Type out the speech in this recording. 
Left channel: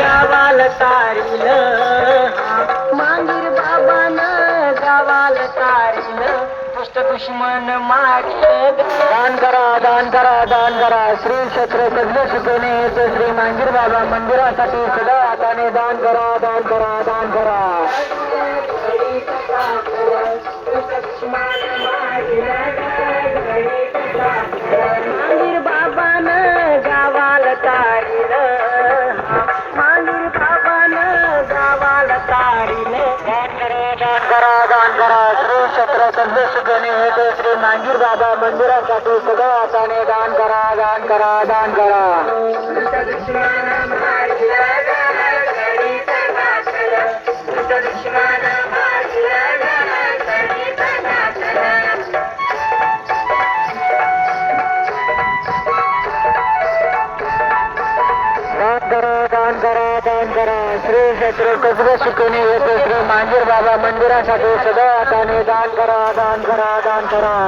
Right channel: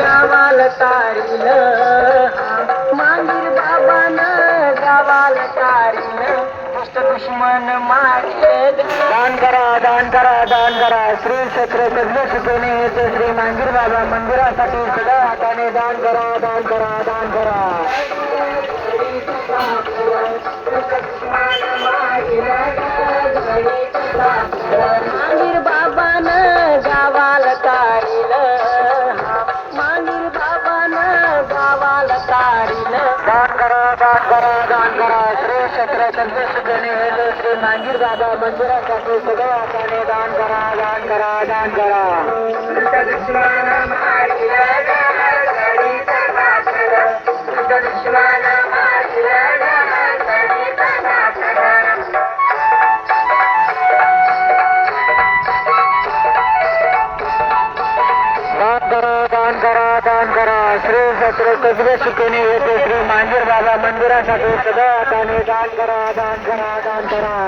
गावाला तारील मांगीर बाबानं गावाला तारील दुष्ट दुश्मन मारील. दान करा दान करा दान करा श्री क्षेत्र सगळे शिकवणे हेतू श्री मांगीर बाबा मंदिरासाठी सदा हाताने दान करा दान करा दान करा तारील दान करा दान करा दान करा श्री क्षेत्र संदेश गणे श्री मांगीर बाबा मंदिरासाठी सगळं हाताने दान करा दान करा दान करा श्री क्षेत्र सगळे शिकवणे येते श्री मांगीर बाबा मंदिरासाठी सगळं हाताने दान करा दान करा दान करा.